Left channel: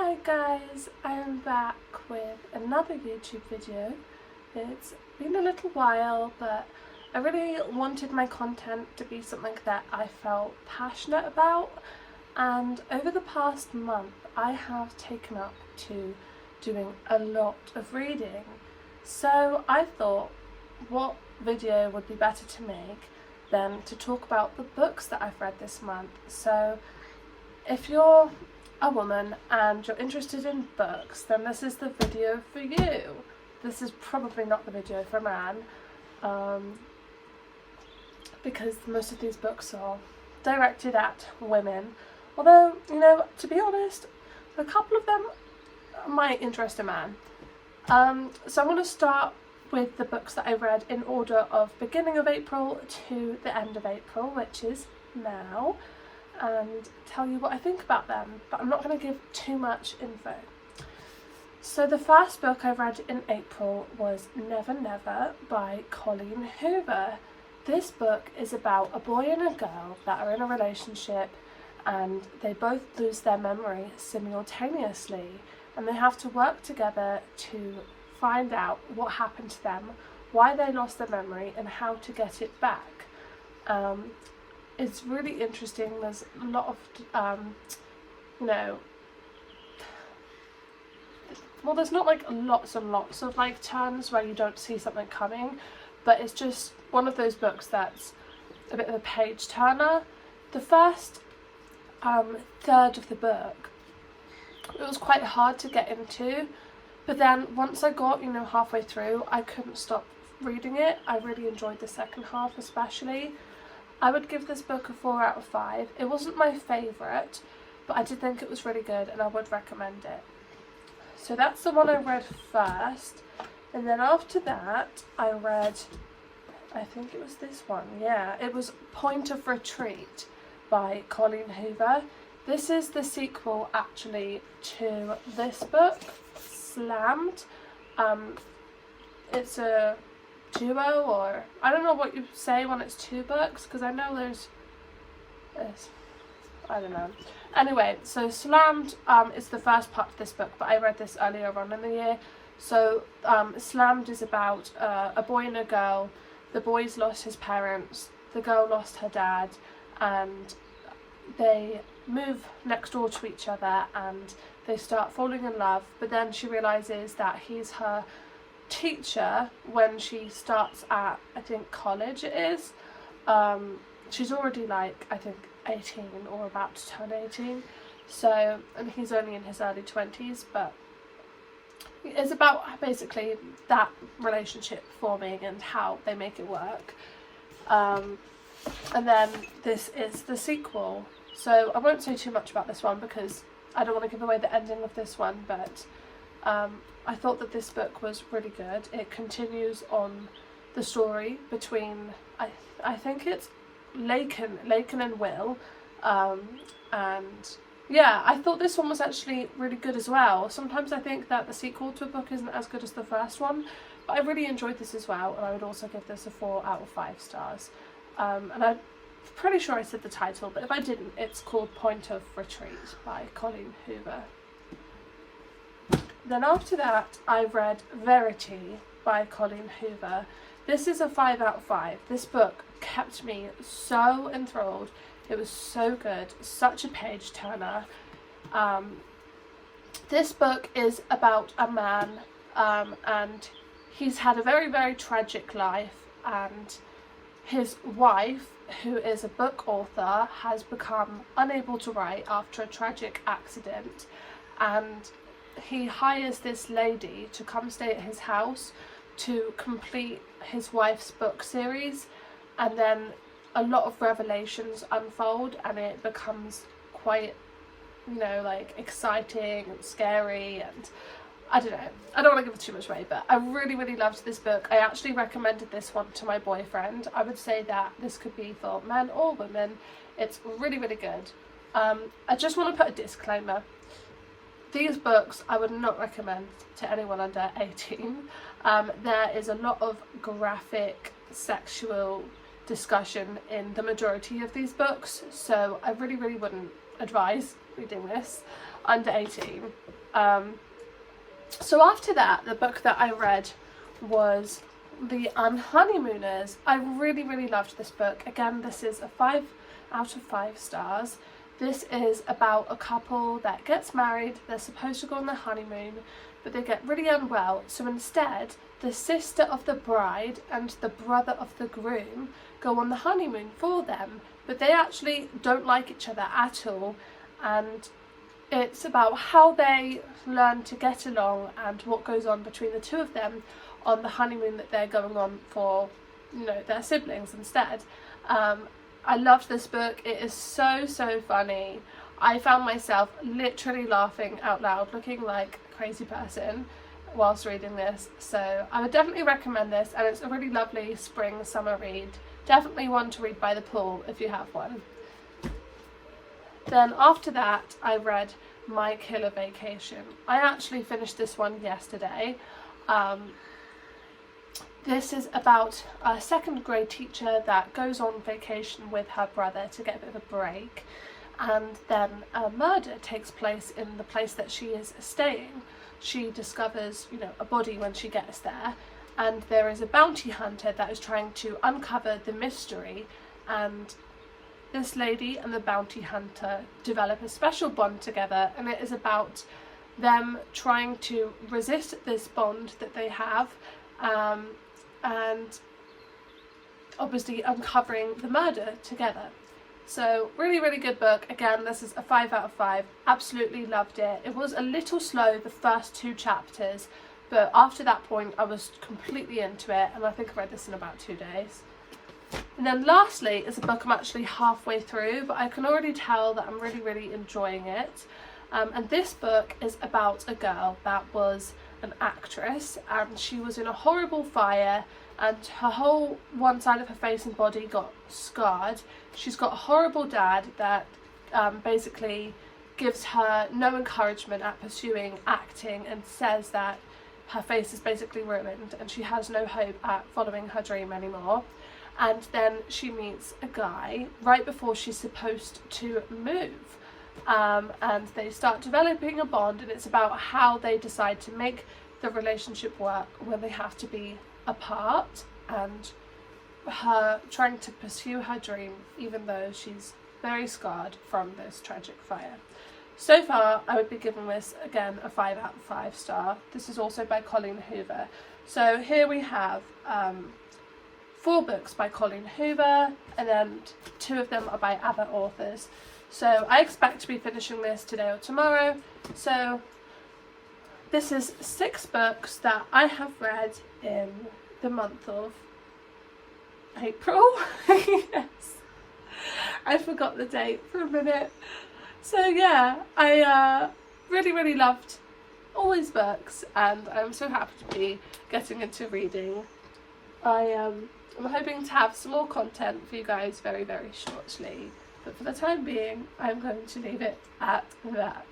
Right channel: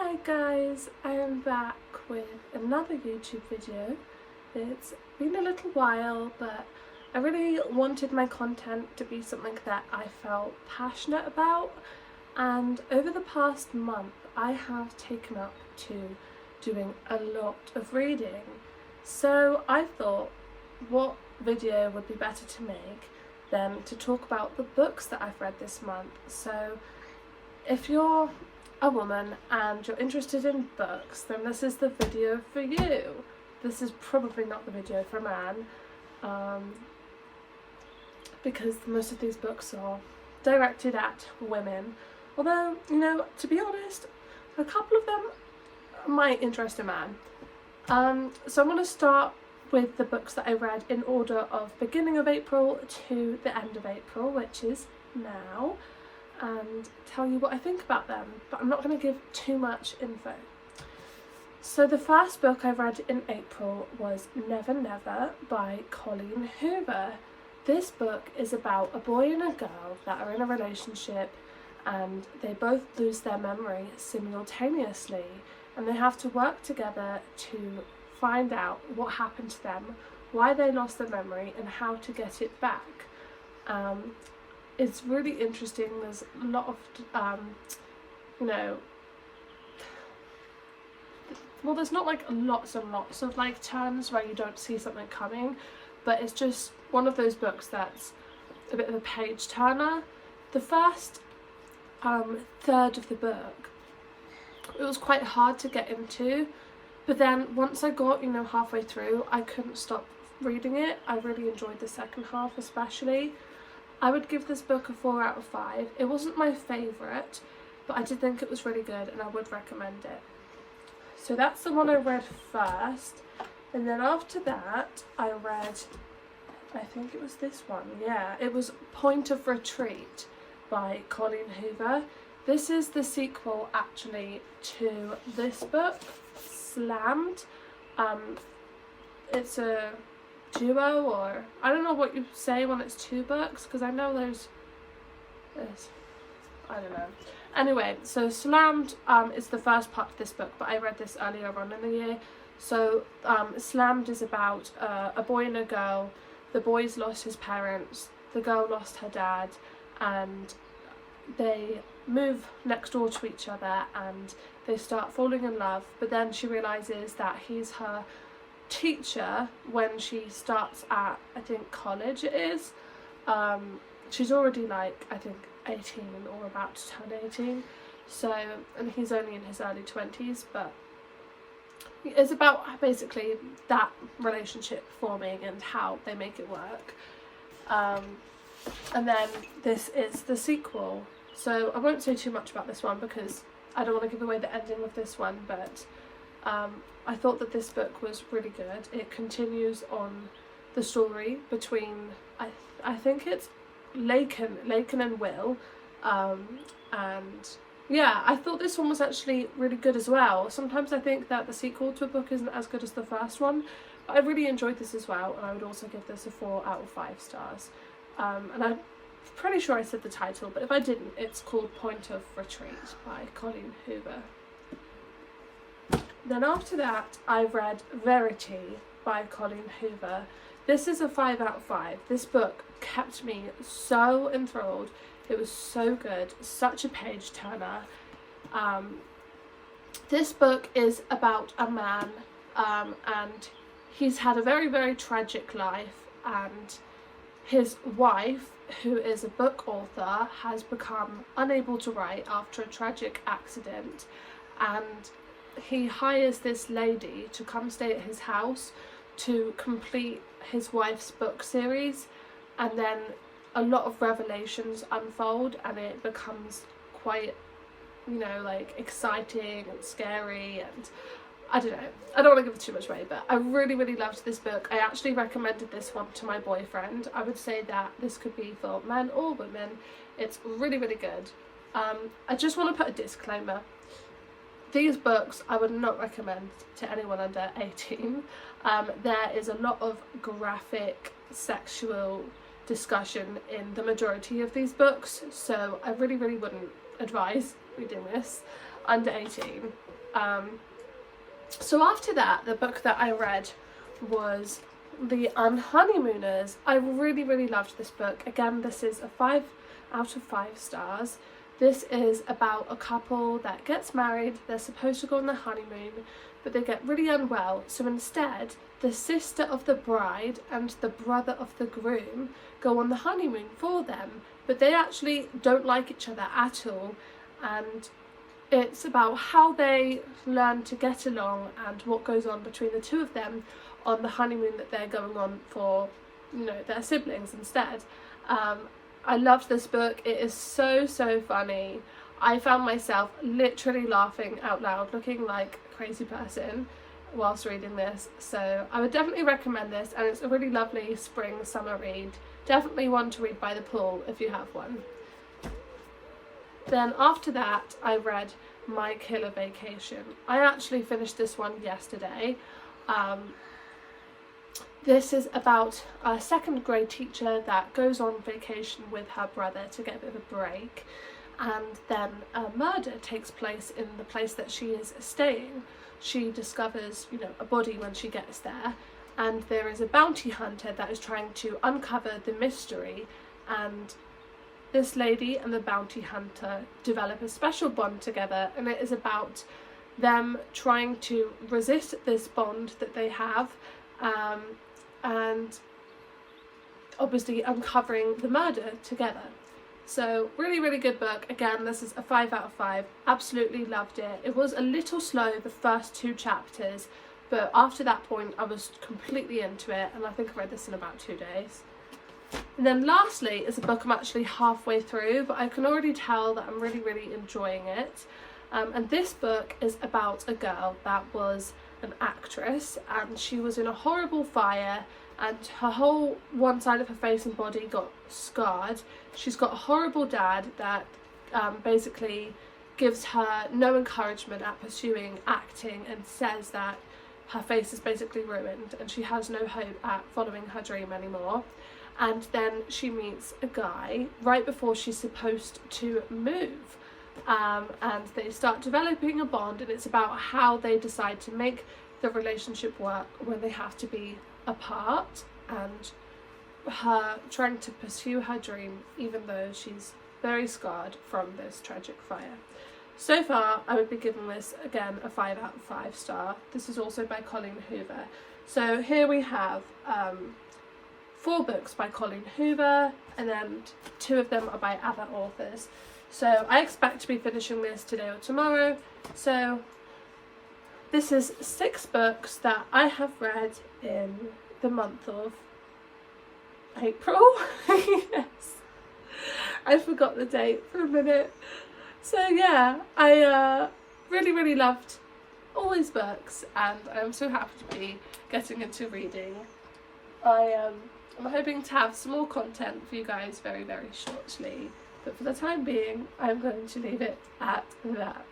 Hi guys, I am back with another YouTube video. It's been a little while, but I really wanted my content to be something that I felt passionate about, and over the past month I have taken up to doing a lot of reading. So I thought, what video would be better to make than to talk about the books that I've read this month. So if you're a woman and you're interested in books, then this is the video for you. This is probably not the video for a man, because most of these books are directed at women, although, you know, to be honest, a couple of them might interest a man. So I'm going to start with the books that I read in order of beginning of April to the end of April, which is now, and tell you what I think about them, but I'm not going to give too much info. So the first book I read in April was Never Never by Colleen Hoover. This book is about a boy and a girl that are in a relationship and they both lose their memory simultaneously, and they have to work together to find out what happened to them, why they lost their memory, and how to get it back. It's really interesting. There's a lot of, well, there's not like lots and lots of like turns where you don't see something coming, but it's just one of those books that's a bit of a page turner. The first third of the book, it was quite hard to get into, but then once I got, halfway through, I couldn't stop reading it. I really enjoyed the second half especially. I would give this book a 4 out of 5. It wasn't my favourite, but I did think it was really good and I would recommend it. So that's the one I read first, and then after that I read, I think it was this one, yeah, it was Point of Retreat by Colleen Hoover. This is the sequel actually to this book, Slammed. It's a duo, or I don't know what you say when it's two books, because I know there's I don't know. Anyway, so Slammed is the first part of this book, but I read this earlier on in the year. So Slammed is about a boy and a girl. The boy's lost his parents, the girl lost her dad, and they move next door to each other and they start falling in love, but then she realizes that he's her teacher when she starts at, I think, college it is. She's already like, I think, 18 or about to turn 18, so, and he's only in his early 20s, but it's about basically that relationship forming and how they make it work. And then this is the sequel, so I won't say too much about this one because I don't want to give away the ending of this one, but I thought that this book was really good. It continues on the story between, I think it's Laken and Will, and yeah, I thought this one was actually really good as well. Sometimes I think that the sequel to a book isn't as good as the first one, but I really enjoyed this as well, and I would also give this a 4 out of 5 stars. And I'm pretty sure I said the title, but if I didn't, it's called Point of Retreat by Colleen Hoover. Then after that I read Verity by Colleen Hoover. This is a 5 out of 5. This book kept me so enthralled. It was so good, such a page turner. This book is about a man, and he's had a very, very tragic life, and his wife, who is a book author, has become unable to write after a tragic accident, and he hires this lady to come stay at his house to complete his wife's book series, and then a lot of revelations unfold and it becomes quite, like exciting and scary, and I don't know, I don't want to give too much away, but I really, really loved this book. I actually recommended this one to my boyfriend. I would say that this could be for men or women. It's really, really good. I just want to put a disclaimer. These books I would not recommend to anyone under 18. There is a lot of graphic sexual discussion in the majority of these books, so I really, really wouldn't advise reading this under 18. So after that, the book that I read was the Unhoneymooners. I really loved this book. Again, this is a 5 out of 5 stars. This is about a couple that gets married. They're supposed to go on their honeymoon, but they get really unwell. So instead, the sister of the bride and the brother of the groom go on the honeymoon for them, but they actually don't like each other at all, and it's about how they learn to get along and what goes on between the two of them on the honeymoon that they're going on for, you know, their siblings instead. I loved this book. It is so funny. I found myself literally laughing out loud, looking like a crazy person whilst reading this. So I would definitely recommend this, and it's a really lovely spring summer read. Definitely one to read by the pool if you have one. Then after that, I read My Killer Vacation. I actually finished this one yesterday. This is about a second grade teacher that goes on vacation with her brother to get a bit of a break, and then a murder takes place in the place that she is staying. She discovers, you know, a body when she gets there, and there is a bounty hunter that is trying to uncover the mystery, and this lady and the bounty hunter develop a special bond together, and it is about them trying to resist this bond that they have, and obviously uncovering the murder together. So really good book. Again, this is a 5 out of 5. Absolutely loved it. It was a little slow the first 2 chapters, but after that point I was completely into it, and I think I read this in about 2 days. And then lastly is a book I'm actually halfway through, but I can already tell that I'm really enjoying it. And this book is about a girl that was an actress, and she was in a horrible fire, and her whole one side of her face and body got scarred. She's got a horrible dad that basically gives her no encouragement at pursuing acting, and says that her face is basically ruined and she has no hope at following her dream anymore. And then she meets a guy right before she's supposed to move, and they start developing a bond, and it's about how they decide to make the relationship work when they have to be apart, and her trying to pursue her dream even though she's very scarred from this tragic fire. So far I would be giving this again a 5 out of 5 star. This is also by Colleen Hoover. So here we have 4 books by Colleen Hoover, and then 2 of them are by other authors. So I expect to be finishing this today or tomorrow. So this is 6 books that I have read in the month of April. Yes, I forgot the date for a minute. So yeah, I really loved all these books, and I'm so happy to be getting into reading. I'm hoping to have some more content for you guys very shortly, but for the time being I'm going to leave it at that.